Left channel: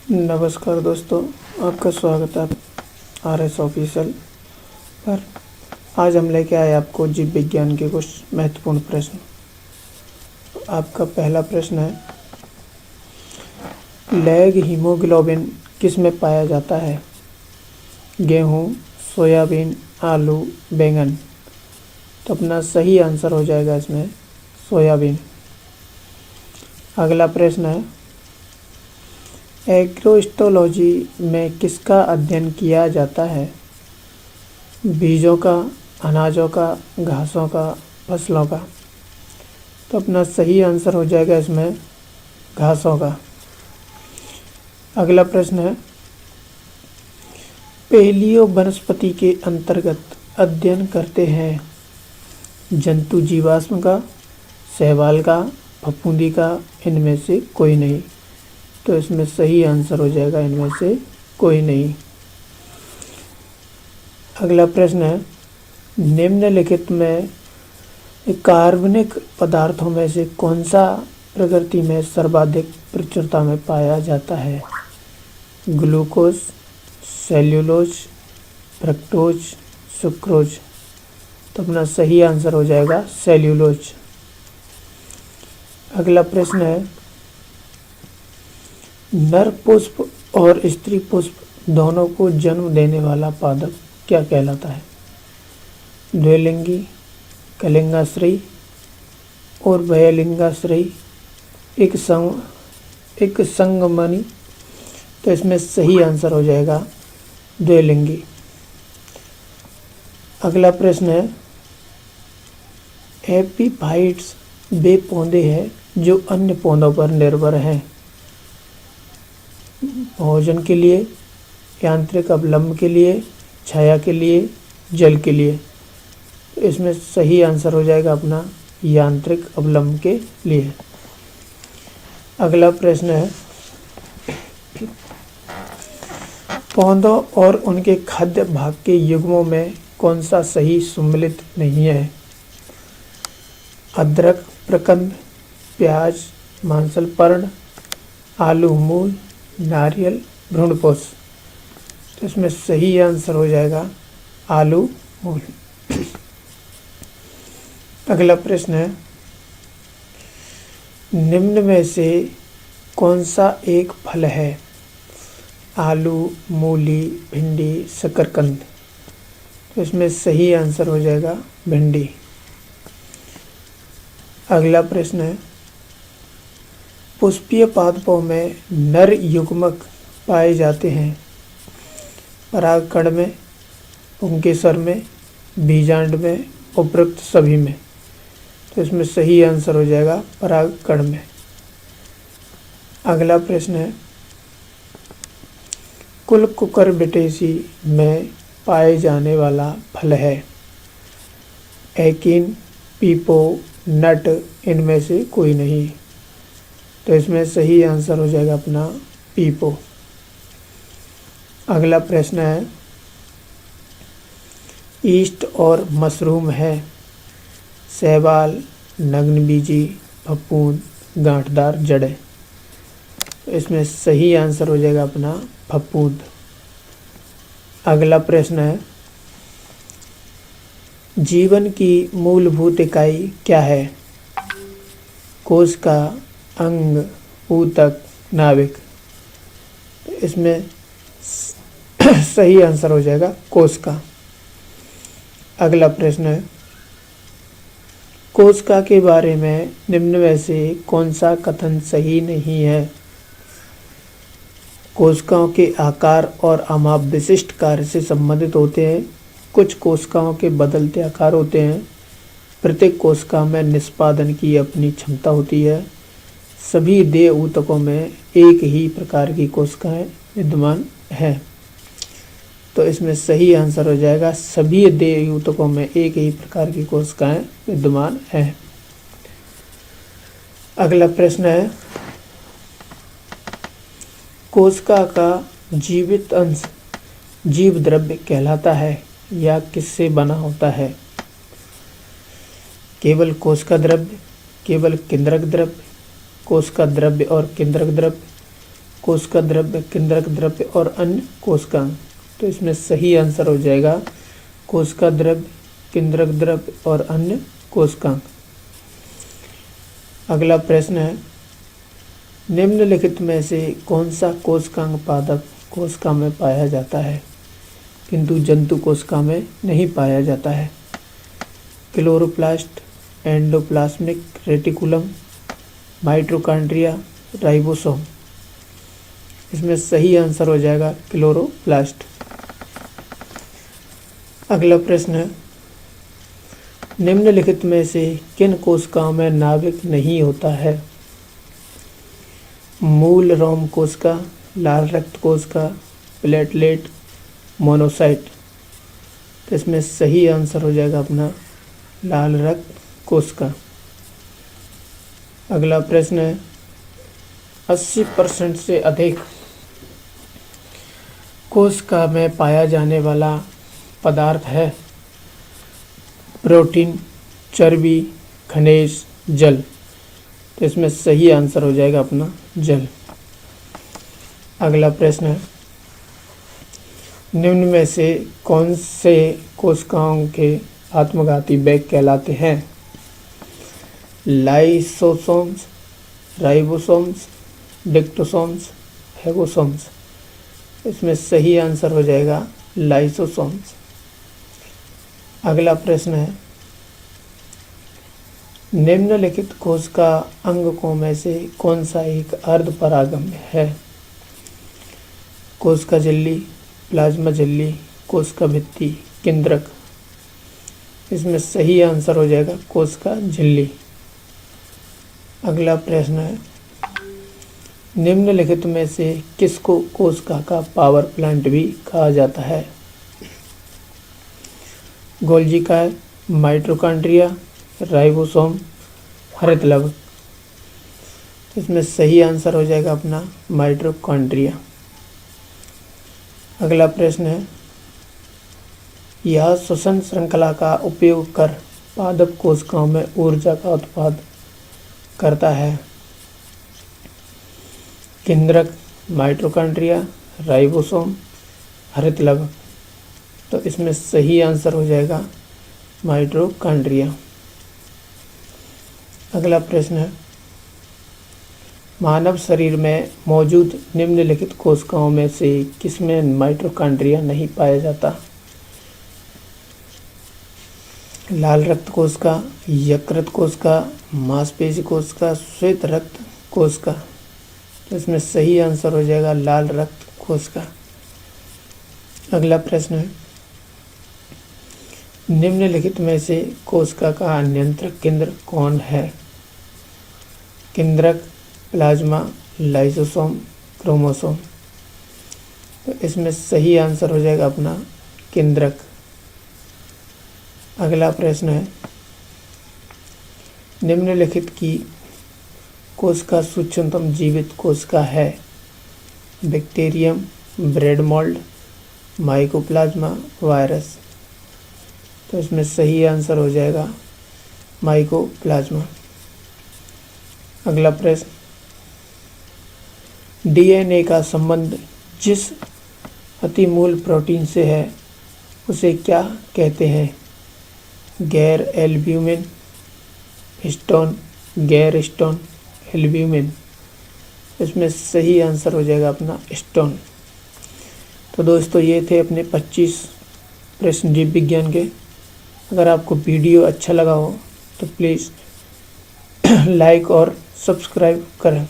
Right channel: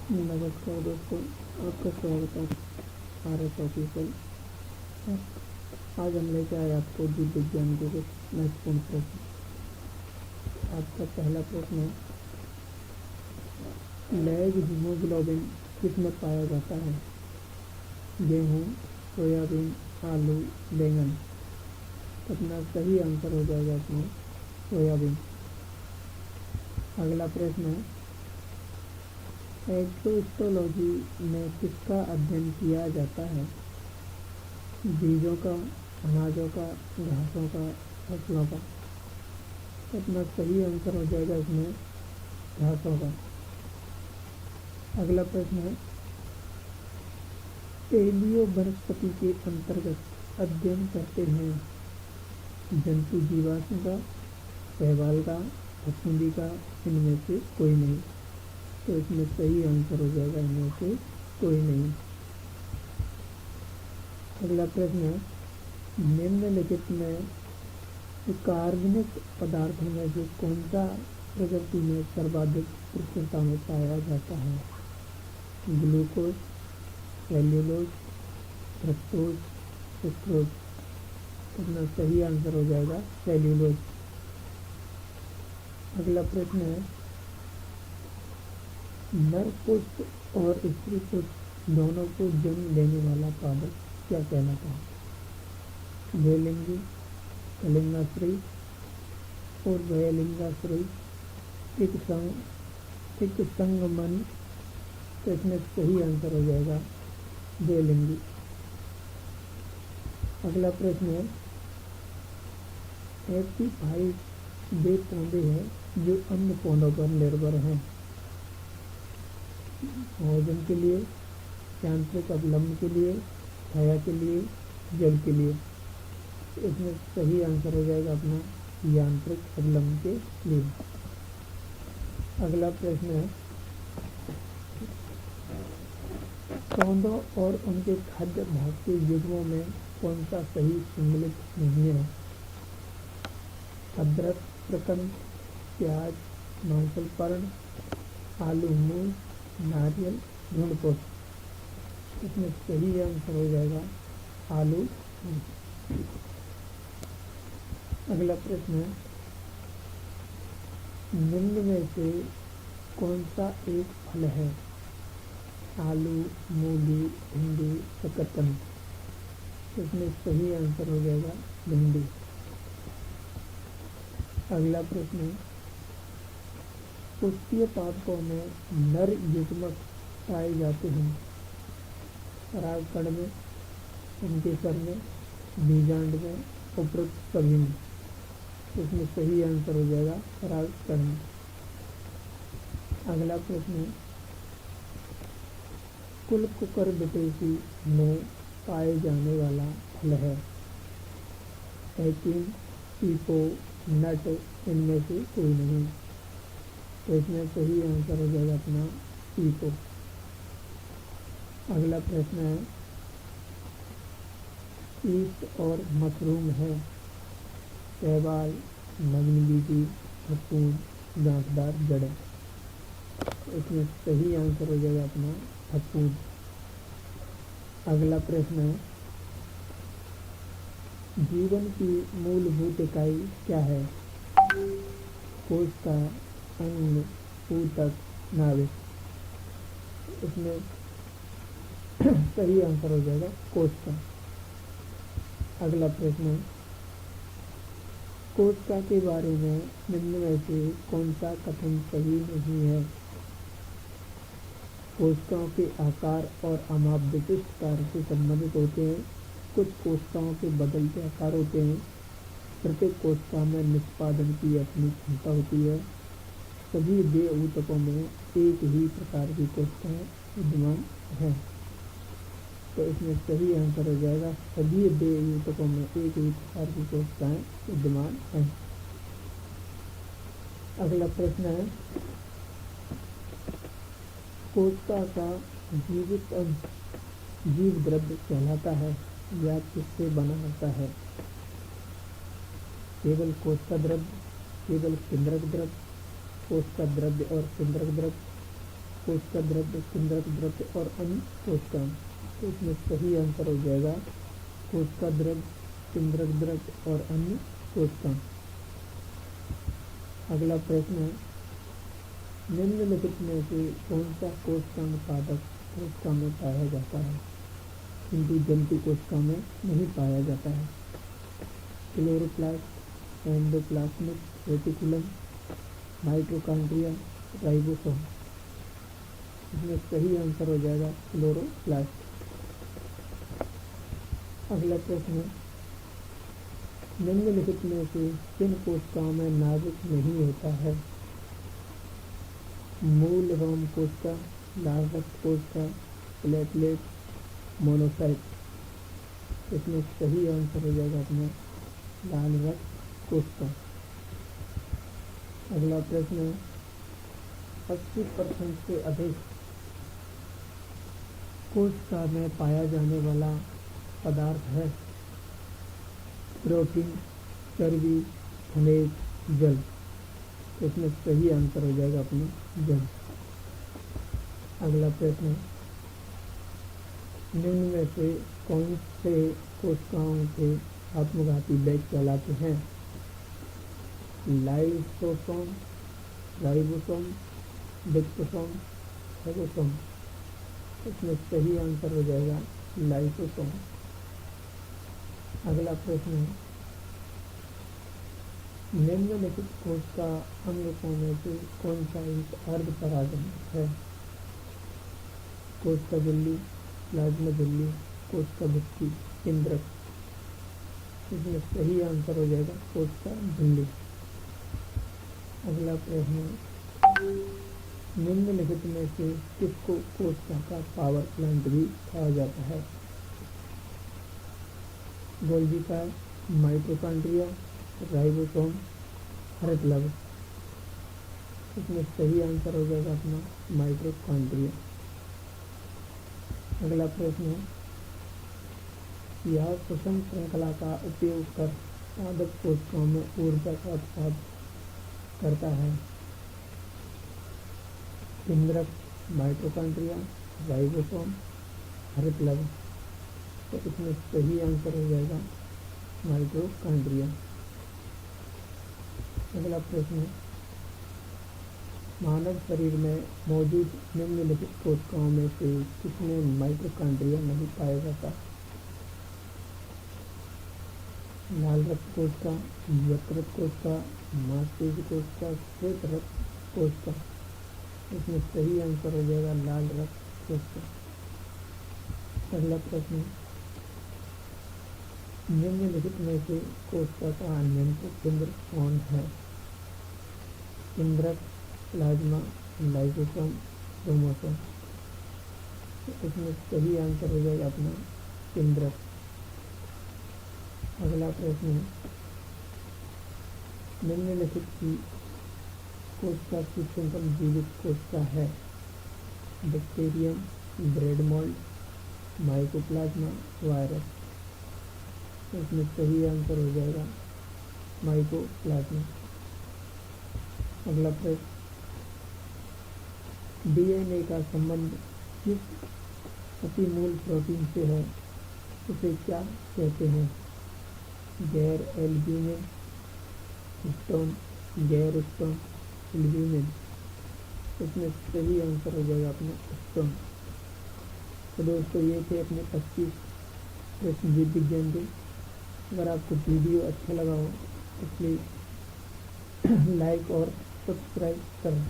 नमस्कार दोस्तों, आपका स्वागत है RS ऑफिशियल पर। आज हम लेके आए आपको जीव विज्ञान के कुछ महत्वपूर्ण प्रश्न। आपका पहला प्रश्न है, लैग हीमोग्लोबिन किस में पाया जाता है? गेहूँ, सोयाबीन, आलू, बैंगन। तो अपना सही आंसर हो जाएगा इसमें सोयाबीन। अगला प्रश्न है, एग्रोस्टोलॉजी में किसका अध्ययन किया जाता है? बीजों का, अनाजों का, घासों का, फसलों का। तो अपना सही आंसर हो जाएगा इसमें घासों का। अगला प्रश्न है, पेलियो वनस्पति के अंतर्गत अध्ययन करते हैं जंतु जीवाश्म का, शैवाल का, फफूंदी का, इनमें से कोई नहीं। तो इसमें सही आंसर हो जाएगा इनमें से कोई नहीं। अगला प्रश्न है, निम्नलिखित में कार्बनिक पदार्थों में से कौन सा प्रकृति में सर्वाधिक प्रचुरता में पाया जाता है? Glucose, cellulose, fructose, sucrose. तो अपना सही आंसर हो जाएगा सेल्यूलोज। अगला प्रश्न है, नर पुष्प और स्त्री पुष्प दोनों को जन्म देने वाला पादप क्या कहलाता है? द्विलिंगी, कलिंगाश्रयी और वयलिंगाश्रयी, एक संगमनी। तो इसमें सही आंसर हो जाएगा द्विलिंगी। अगला प्रश्न है, एपीफाइट्स वे पौधे हैं जो अन्य पौधों पर निर्भर हैं भोजन के लिए, यांत्रिक अवलंब के लिए, छाया के लिए, जल के लिए। तो इसमें सही आंसर हो जाएगा अपना यांत्रिक अवलंब के लिए। अगला प्रश्न है, पौधों और उनके खाद्य भाग के युग्मों में कौन सा सही सम्मिलित नहीं है? अदरक, प्रकंद, प्याज, मांसल पर्ण, आलू मूल, नारियल, भ्रूणपोष। तो इसमें सही आंसर हो जाएगा आलू मूल। अगला प्रश्न है, निम्न में से कौन सा एक फल है? आलू, मूली, भिंडी, शकरकंद। तो इसमें सही आंसर हो जाएगा भिंडी। अगला प्रश्न है, पुष्पीय पादपों में नर युग्मक पाए जाते हैं परागकण में, पुंकेसर में, बीजांड में, उपरोक्त सभी में। तो इसमें सही आंसर हो जाएगा परागकण में। अगला प्रश्न है, कुल कुकुरबिटेसी में पाए जाने वाला फल है? एकिन, पीपो, नट, इनमें से कोई नहीं। तो इसमें सही आंसर हो जाएगा अपना पीपो। अगला प्रश्न है, ईस्ट और मशरूम है शैवाल, नग्नबीजी, फफूंद, गांठदार जड़ें। तो इसमें सही आंसर हो जाएगा अपना फफूंद। अगला प्रश्न है, जीवन की मूलभूत इकाई क्या है? कोशिका, अंग, ऊतक, नाभिक। तो इसमें सही आंसर हो जाएगा कोशिका। अगला प्रश्न है, कोशिका के बारे में निम्न में से कौन सा कथन सही नहीं है? कोशिकाओं के आकार और अमाप विशिष्ट कार्य से संबंधित होते हैं। कुछ कोशिकाओं के बदलते आकार होते हैं। प्रत्येक कोशिका में निष्पादन की अपनी क्षमता होती है। सभी देह ऊतकों में एक ही प्रकार की कोशिकाएं विद्यमान हैं। तो इसमें सही आंसर हो जाएगा सभी देह ऊतकों में एक ही प्रकार की कोशिकाएं विद्यमान हैं। अगला प्रश्न है, कोशिका का जीवित अंश जीव द्रव्य कहलाता है या किससे बना होता है? केवल कोशिका द्रव्य, केवल केंद्रक द्रव्य, कोशिका द्रव्य और केंद्रक द्रव्य, कोशिका द्रव्य, केंद्रक द्रव्य और अन्य कोशिकांग। तो इसमें सही आंसर हो जाएगा कोशिका द्रव्य, केंद्रक द्रव्य और अन्य कोशिकांग। अगला प्रश्न है, निम्नलिखित में से कौन सा कोशिकांग पादप कोशिका में पाया जाता है किंतु जंतु कोशिका में नहीं पाया जाता है? Chloroplast, endoplasmic reticulum, mitochondria, ribosome. इसमें सही आंसर हो जाएगा क्लोरोप्लास्ट। अगला प्रश्न है, निम्नलिखित में से किन कोशिकाओं में नाभिक नहीं होता है? मूल रोम कोशिका, लाल रक्त कोशिका, प्लेटलेट, मोनोसाइट। तो इसमें सही आंसर हो जाएगा अपना लाल रक्त कोशिका। अगला प्रश्न है, 80% से अधिक कोशिका में पाया जाने वाला पदार्थ है? प्रोटीन, चर्बी, खनिज, जल। तो इसमें सही आंसर हो जाएगा अपना जल। अगला प्रश्न है, निम्न में से कौन से कोशिकाओं के आत्मघाती बैग कहलाते हैं? लाइसोसोम्स, राइबोसोम्स, डिक्टोसोम्स, हेगोसोम्स। इसमें सही आंसर हो जाएगा लाइसोसोम्स। अगला प्रश्न है, निम्नलिखित कोशिका अंगकों में से कौन सा एक अर्धपरागम्य है? कोशिका झिल्ली, प्लाज्मा झिल्ली, कोशिका भित्ति, केंद्रक। इसमें सही आंसर हो जाएगा कोशिका झिल्ली। अगला प्रश्न है, निम्नलिखित में से किसको कोशिका का पावर प्लांट भी कहा जाता है? गोल्जी कार, माइटोकॉन्ड्रिया, राइबोसोम, हरितलवक। इसमें सही आंसर हो जाएगा अपना माइटोकॉन्ड्रिया। अगला प्रश्न है, यह श्वसन श्रृंखला का उपयोग कर पादप कोशिकाओं में ऊर्जा का उत्पादन करता है? केंद्रक, माइटोकॉन्ड्रिया, राइबोसोम, हरितलवक। तो इसमें सही आंसर हो जाएगा माइटोकॉन्ड्रिया। अगला प्रश्न है, मानव शरीर में मौजूद निम्नलिखित कोशिकाओं में से किसमें माइटोकॉन्ड्रिया नहीं पाया जाता? लाल रक्त कोशिका, यकृत कोशिका, मांसपेशी कोशिका, श्वेत रक्त कोशिका। इसमें सही आंसर हो जाएगा लाल रक्त कोशिका। अगला प्रश्न है, निम्नलिखित में से कोशिका का नियंत्रक केंद्र कौन है? केंद्रक, प्लाज्मा, लाइसोसोम, क्रोमोसोम। तो इसमें सही आंसर हो जाएगा अपना केंद्रक। अगला प्रश्न है, निम्नलिखित की कोशिका सूक्ष्मतम जीवित कोशिका है? Bacterium, bread mould, mycoplasma, virus. तो इसमें सही आंसर हो जाएगा माइकोप्लाज्मा। अगला प्रश्न, डीएनए का संबंध जिस अतिमूल प्रोटीन से है उसे क्या कहते हैं? गैर एल्ब्यूमिन, हिस्टोन, गैर हिस्टोन, एल्ब्यूमिन। इसमें सही आंसर हो जाएगा अपना हिस्टोन। तो दोस्तों ये थे अपने 25 प्रश्न जीव विज्ञान के। अगर आपको वीडियो अच्छा लगा हो तो प्लीज़ लाइक और सब्सक्राइब करें।